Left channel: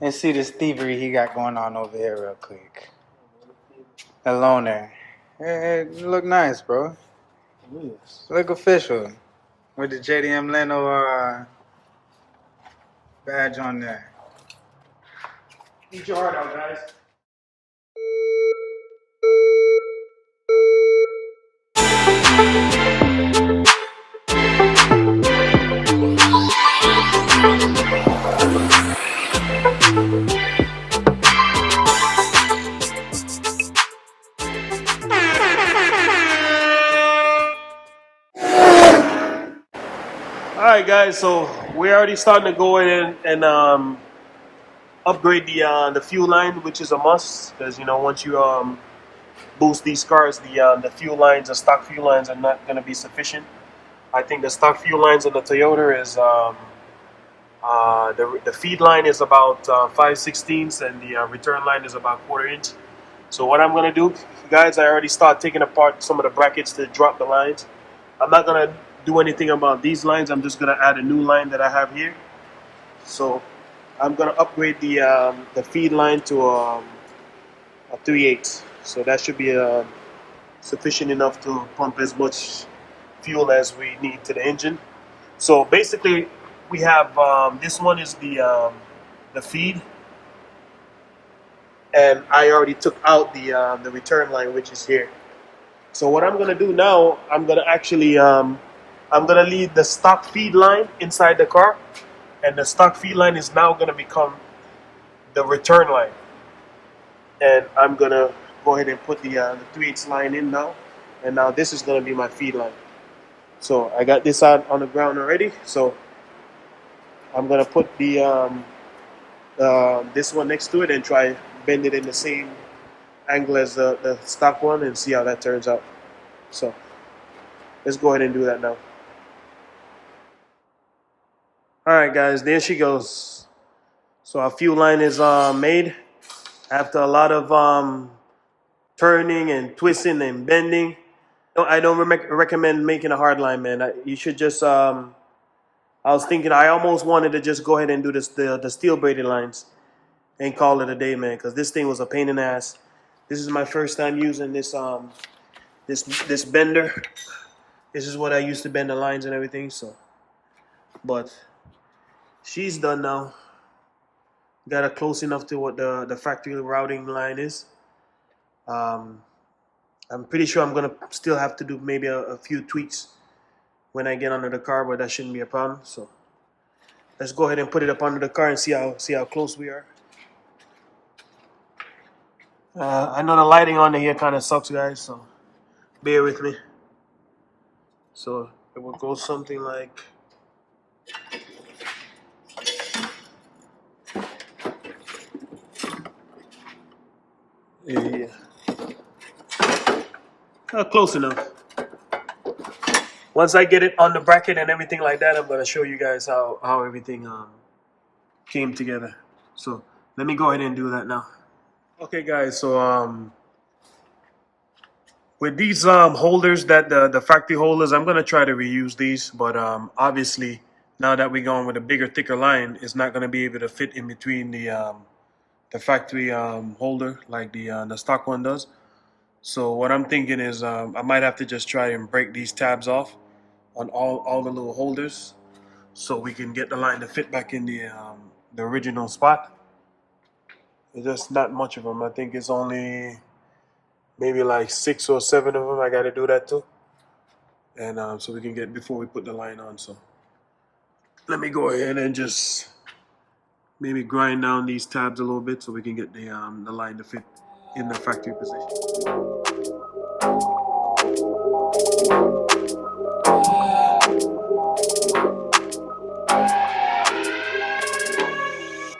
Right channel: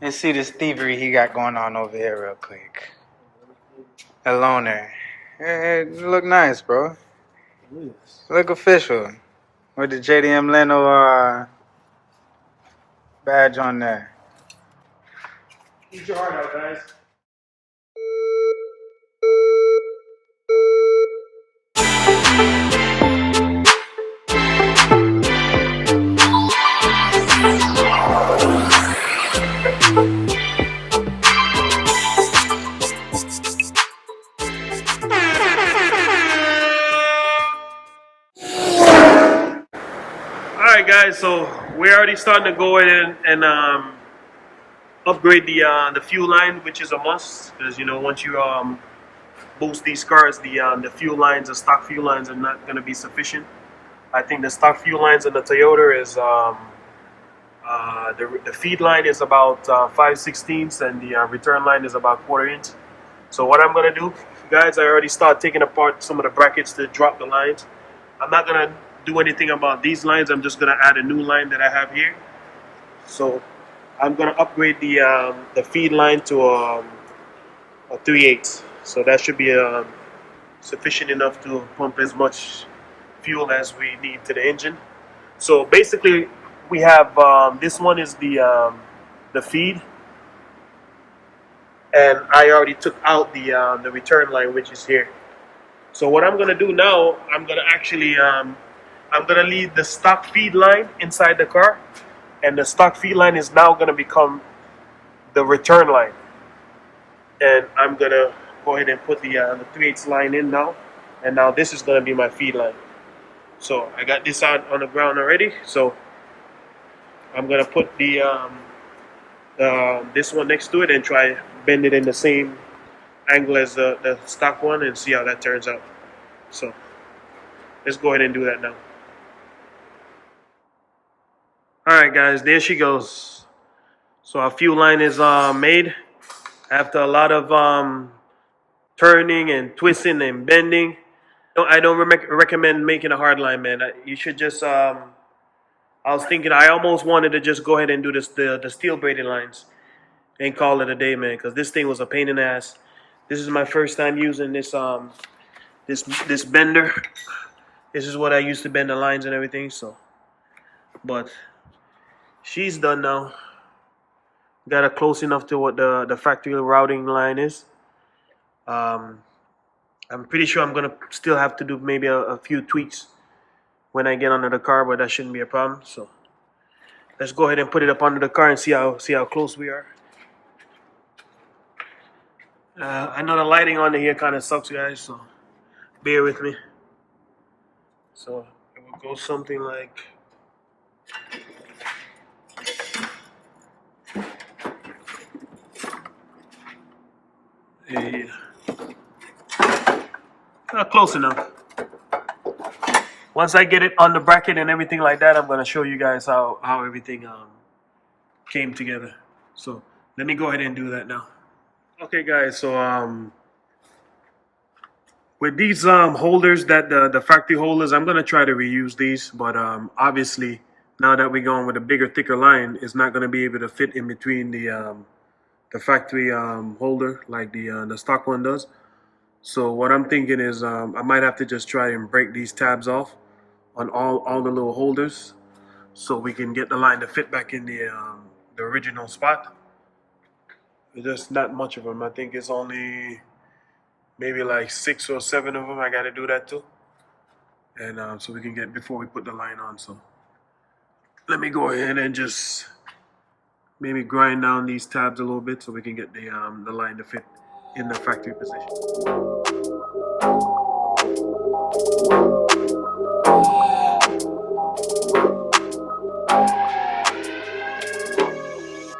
Let's see this thievery he got going on over here real quick. A loaner. It look nice, bro. Look official. With the JDM Leno badge on there. Eat your heart out, guys. All right, guys. So we're already starting to go in and upgrade the fuel line, which is a must, because once you boost these cars, the fuel lines, the stock fuel lines, are not going to be sufficient. I think the stock fuel lines in the Toyota is the feed line is about 5/16 and the return line is about 1/4 inch. So what I'm going to do, guys, I already start taking apart some of the brackets to drop the lines. I'm not going to do anything about these lines. I'm just going to add a new line that I have here. So I'm going to upgrade the feed line to a 3/8. So that should be sufficient enough to pump as much fuel as we need to the engine. So basically, we have this one is the feed, and I already took out the return line, which is here. So what I'm gonna do now, I'm gonna actually I'm gonna leave the stock feed line inside the car, and the stock feed line is now gonna become the return line, and I'm gonna go ahead and put the 3/8 line in now, and now this is gonna be my feed line. So I got this out on the ground already. So I'm gonna put the this one next to it and try bend it in the same angle as the stock one and see how that turns out. So let's go ahead and do that now. All right, guys, there she goes. So our fuel line is made after a lot of turning and twisting and bending. I don't recommend making a hard line, man. You should just I was thinking, I almost wanted to just go ahead and do the steel braided lines and call it a day, man, because this thing was a pain in the ass. This is my first time using this this bender. This is what I used to bend the lines and everything. So, but she's done now. Got her close enough to what the factory routing line is. I'm pretty sure I'm gonna still have to do maybe a few tweaks when I get under the car, but that shouldn't be a problem. So let's go ahead and put it up under the car and see how close we are. I know the lighting on here kind of sucks, guys, so bear with me. So it will go something like yeah, close enough. Once I get it on the bracket and everything like that, I'm gonna show you guys how everything came together. So let me go ahead and do that now. Okay, guys. So with these holders, that the factory holders, I'm gonna try to reuse these, but obviously now that we're going with a bigger, thicker line, it's not gonna be able to fit in between the factory holder like the stock one does. So what I'm thinking is I might have to just try and break these tabs off on all the little holders, so we can get the line to fit back in the original spot. There's just not much of them. I think it's only maybe like 6 or 7 of them. I got to do that too, and so we can get before we put the line on. So let me go ahead and just maybe grind down these tabs a little bit so we can get the line to fit in the factory position.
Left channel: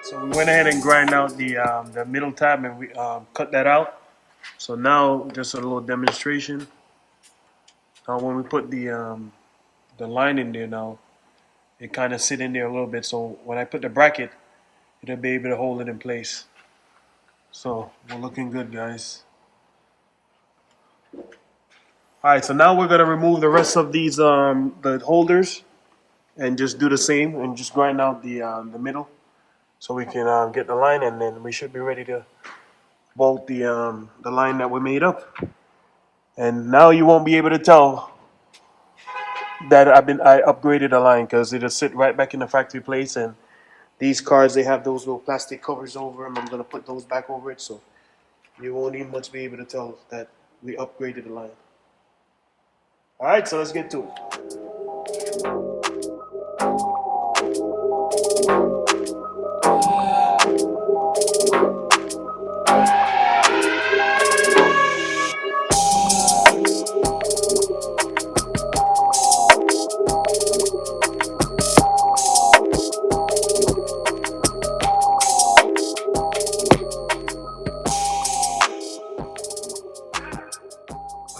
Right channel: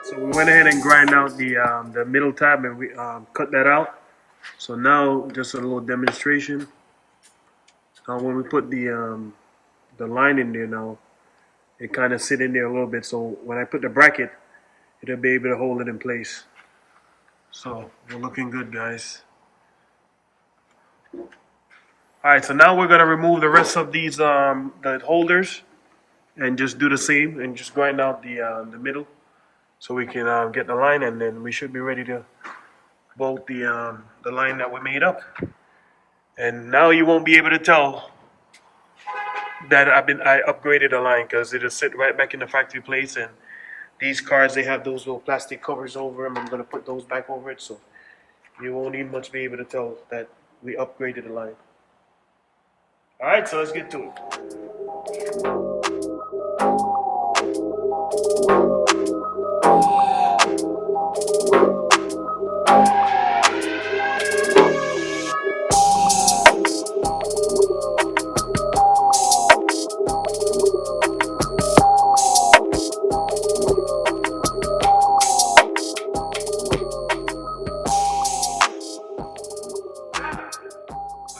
So we went ahead and grind out the middle tab, and we cut that out. So now just a little demonstration. When we put the line in there now, it kind of sit in there a little bit. So when I put the bracket, it'll be able to hold it in place. So we're looking good, guys. All right, so now we're gonna remove the rest of these the holders and just do the same and just grind out the middle. so we can get the line, and then we should be ready to bolt the line that we made up. And now you won't be able to tell that I upgraded a line, because it'll sit right back in the factory place. And these cars, they have those little plastic covers over them. I'm gonna put those back over it, so you won't even much be able to tell that we upgraded the line. All right, so let's get to it.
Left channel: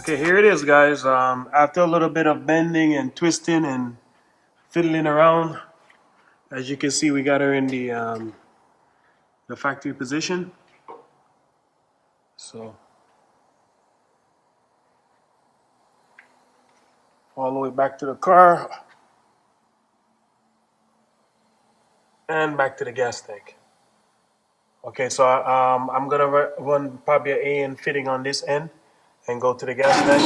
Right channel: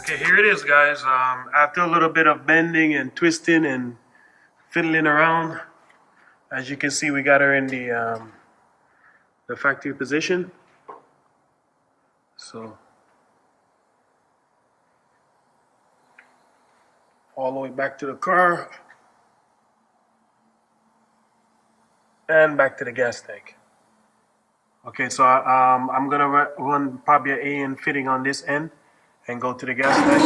Okay, here it is, guys. After a little bit of bending and twisting and fiddling around, as you can see, we got her in the factory position. So all the way back to the car and back to the gas tank. Okay, so I'm gonna run probably an AN fitting on this end and go to the gas tank.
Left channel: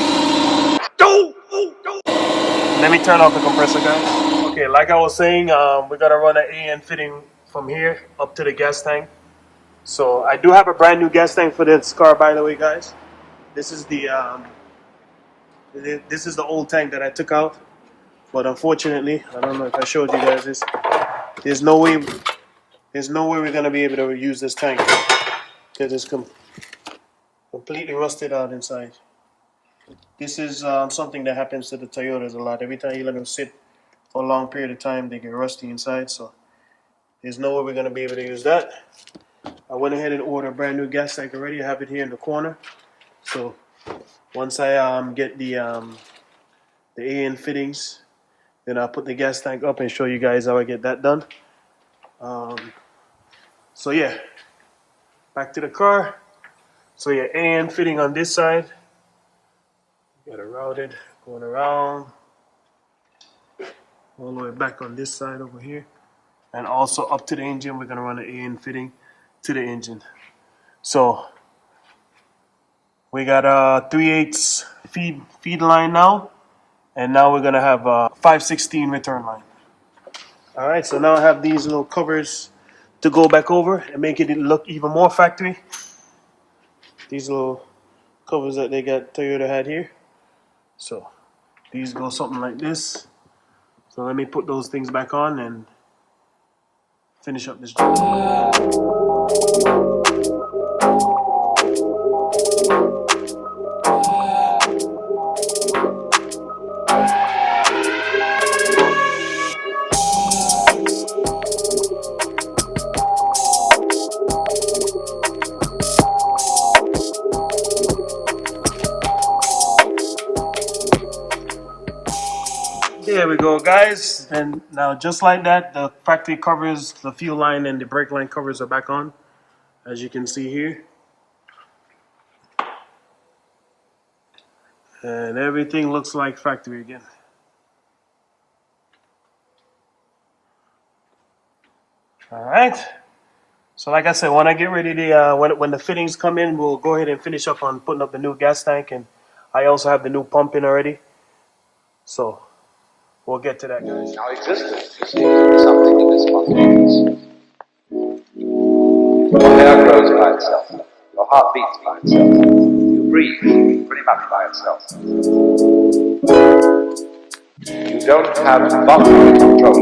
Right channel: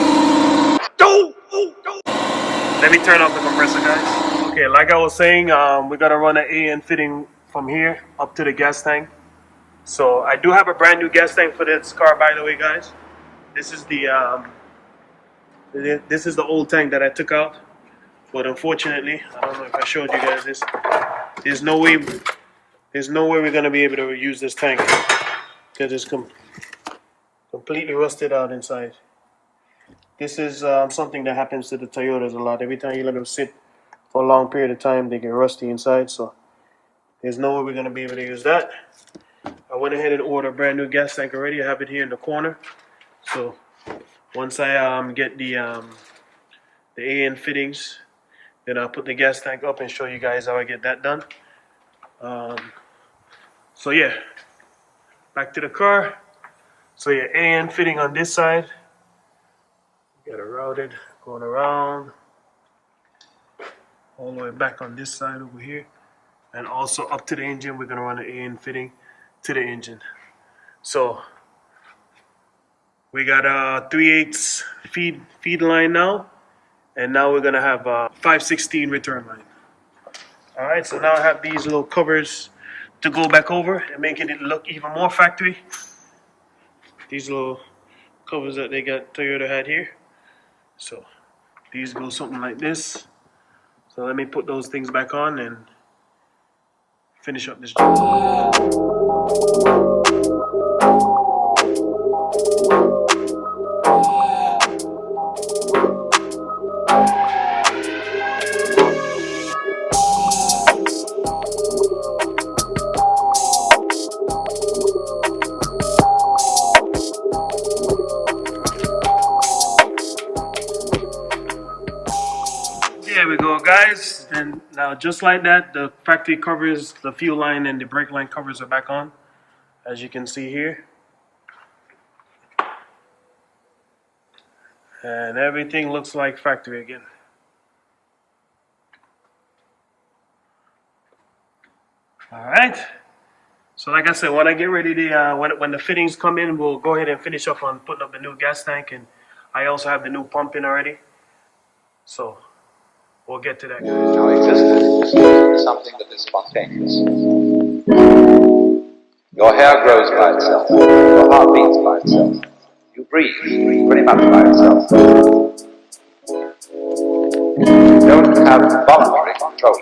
Let me turn off the compressor, guys. Okay, like I was saying, we gotta run an AN fitting from here up to the gas tank. So I do have a brand new gas tank for this car, by the way, guys. This is the old tank that I took out, but unfortunately, I don't know if I showed you guys this. There's no way we're gonna be able to use this tank because it's completely rusted out inside. This is something that happens to the Toyotas a lot. Every time you let them sit for a long period of time, they get rusty inside. So there's no way we're gonna be able to use that. I went ahead and ordered a brand new gas tank already. I have it here in the corner. So once I get the AN fittings, then I'll put the gas tank up and show you guys how I get that done. So yeah, back to the car. So yeah, AN fitting on this side. Got it routed, going around, all the way back on this side over here. And also up to the engine, we're gonna run an AN fitting to the engine. So we got a 3/8 feed line now, and now we're gonna have a 5/16 return line. All right, so now I have these little covers to go back over and make it look even more factory. These little covers that Toyota had here. So these go something like this. So let me put those things back on and finish up this job. There we go, guys. And now just like that, the factory covers, the fuel line and the brake line covers are back on, as you can see here. And everything looks like factory again. All right. So like I said, when I get ready to, when the fittings come in, we'll go ahead and finish up on putting up the new gas tank. And I also have the new pump in already. So we'll get to that, guys. Now, existence, you see, is something that is spontaneous. Your hair grows by itself. Your heart beats by itself. You breathe pretty much by itself. You don't have voluntary control